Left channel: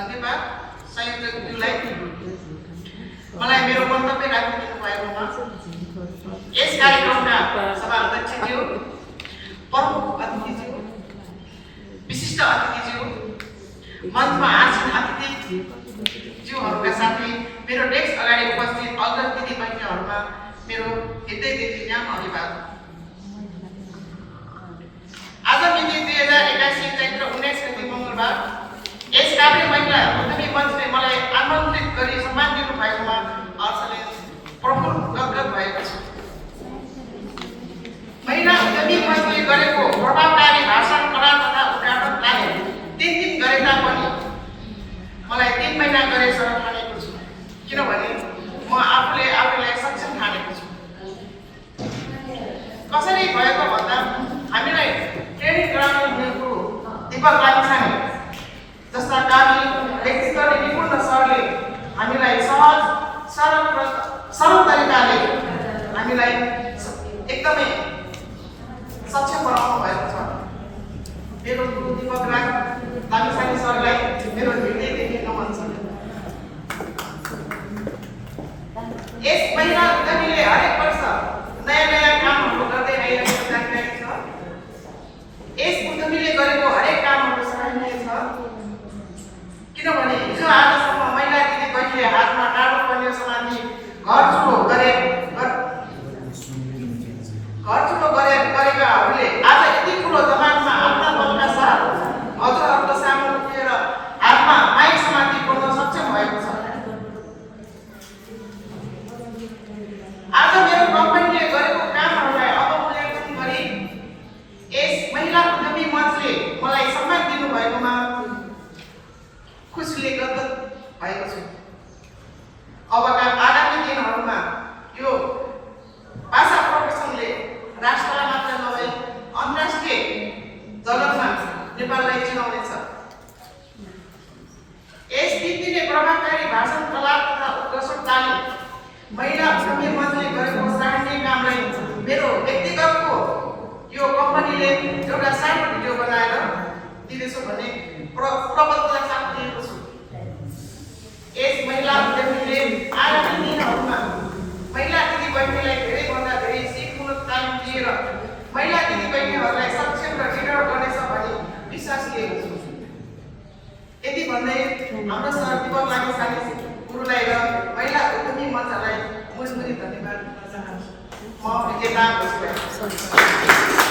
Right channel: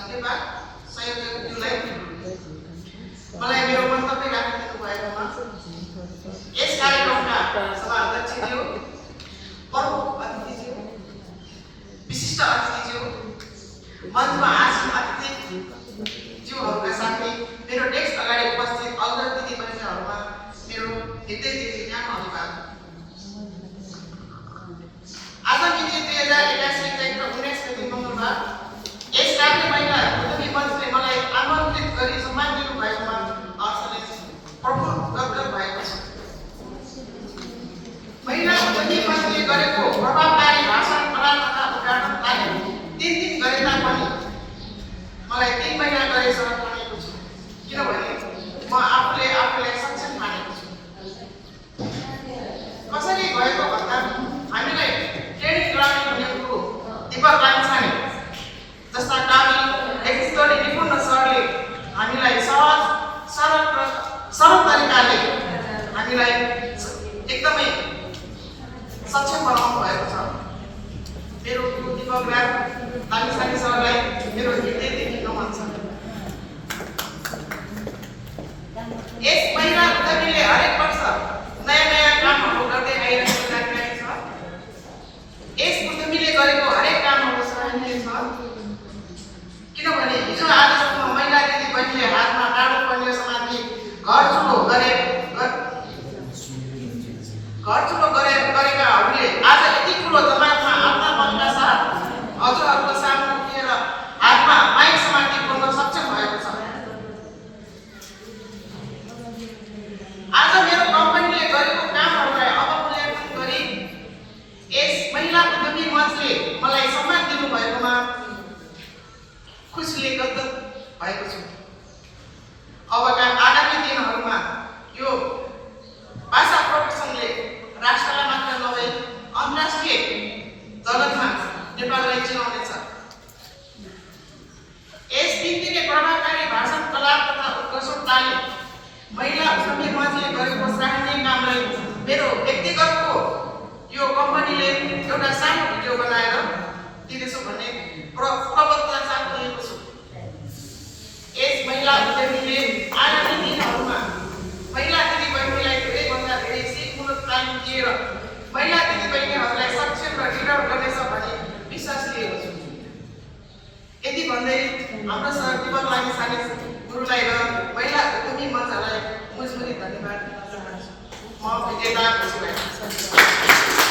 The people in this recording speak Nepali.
धन्यवाद संयोजकज्यूलाई मलाई मेरो मन्तव्य राखिदिनु भएकोमा। यस कार्यक्रमका सभाध्यक्षज्यू, प्रमुख अतिथिज्यू, विशिष्ट अतिथिज्यू, मञ्चमा आसीन अतिथिज्यूहरूका साथै मेरो डेस्क अगाडि उपस्थित अग्रज दिदीबहिनीहरूमा मेरो हृदयदेखि न्यानो अभिवादन। आज मिति 2081 चैत्र 19 गते मङ्गलबार यस काभ्रे महिला उद्यमी मञ्चले मलाई आमन्त्रित गरी सम्मान दिनु भएकोमा हर्षले प्रफुल्ल गदगद भएको छु। महिला उद्यमी मञ्चले गरेको प्रभावकारी भाषण कला तथा उद्घाटनलाई 3 दिन गरे तापनि मलाई 3 महिना गरे जस्तो ठानेको छु, किनभने म आफूलाई सक्षम ठानेको छु। कसरी भएको भन्दा हामीलाई ट्रेनिङ गराउनु हुने गुरु दीपक लामिछाने जस्ता कामी व्यक्तिगत निपुण सरले हामीलाई सहज सरल तरिकाले हामीलाई एकदमै सक्षम बनाउनु भएको छ। मेरो गुरु दीपक लामिछाने सरलाई मेरो हृदयदेखि नमन छ। यस महिला उद्यमीले हरेक वर्ष नयाँ कामहरू गर्दै आइरहेको छ। यस उद्यमीले गरेको हरेक कामहरू सराहनीय छ, किनभने हिजो आजसम्म महिला दिदीबहिनीले हातमा टाढो पर्ने समाति घर चुलो गरेकाहरूले आज यति ठुलो दबावमा आफ्ना बलका साथ हजुरहरूको सामु उभिएर हातमा माइक समाति बोल्न सक्षम भएको छ। आज मेरो कम्पनीले गरेको कामहरूलाई अवलोकन गरी यस महिला उद्यमी मञ्चले मलाई सम्मान दिनु भएकोमा खुसीले गदगद भएको छु। अबका आगामी दिनहरूमा यो भाषा प्रदर्शनले राष्ट्रलाई मात्र नभई अन्तर्राष्ट्रिय जगतमा नेपाललाई चिनाउनेछ। यस व्यक्तिले प्रभावकारी भाषण कला तथा उत्कर्षताले महिला उद्यमी मञ्चले गरेको सराहनीय कामलाई मेरो व्यक्तिगतको यो कम्पनीले एउटा सानो भिडियो बनाएर दिनेछु भन्ने प्रबन्धलाई साथ दिएको छु। यस महिला उद्यमीले आगामी दिनहरूमा महिला दिदीबहिनीलाई धेरैभन्दा धेरै सिपमूलक तालिम दिएर महिला दिदीबहिनीहरूलाई सक्षम र लिडर गर्नेछ भन्ने विश्वास लिएको छु। यति भन्दै हाम्रो सर दीपक लामिछाने गुरुलाई र महिला उद्यमी मञ्चलाई मुजमुरी धन्यवाद दिन चाहन्छु। म विजेता खुसी भएको छु।